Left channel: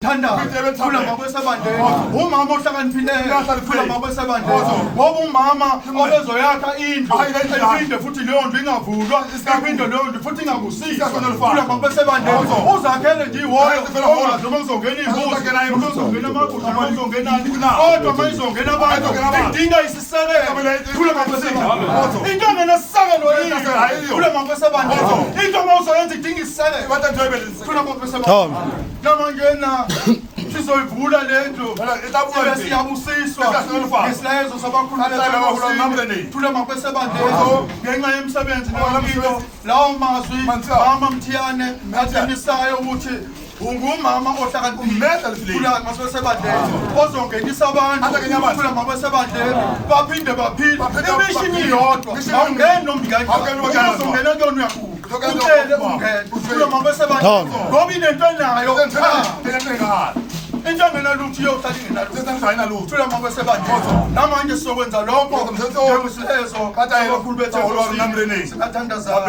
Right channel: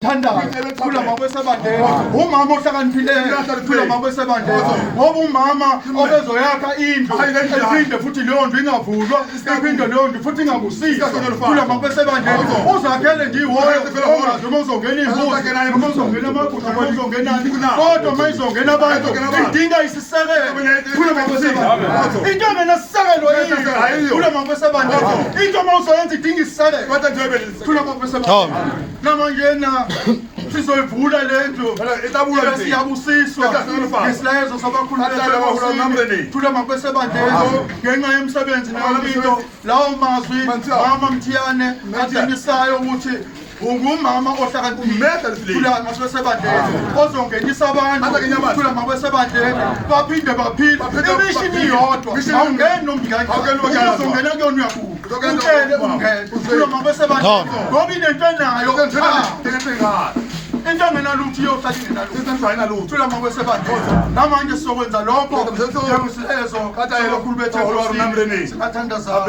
Thanda kula makwesabande umama ohlakaniphile kula makwesabande ngoba umama obezoyakha indlu iphinde futhi leyo ndlu ingavulwa iphinde leyo ndlu futhi ingabusiswa kula makwesabande uzakhele nje ihoyo ongazuma uzongena imbuzi noma uzongena amagusha noma uzongenani kodwa uma izongena abantu idinga isisekelo kula makwesabande into engenasisekelo yiyo kula makwesabande into uma uzoyenza idinga isisekelo kula makwesabande namangena sizoyivula lendlu siyabusiswa ngesilayezo sabakhulumeli thula makwesabande ngenxa yemsebenzi nayo lawo mazwi mama Mthiyane atshengisayo ukuthi ungumama ohlakaniphile thula makwesabande ozongenisa abantu thula makwesabande baphinde baphile imishini iyodwa awungeni nomngane uzongena kuyona uyabuka utshele ungene thula makwesabande ngoba inento enayo into engenalutho iyohlala thula makwesabande namanje sizokwenza lokho ngesilezo abakhulu bethu singathandazana.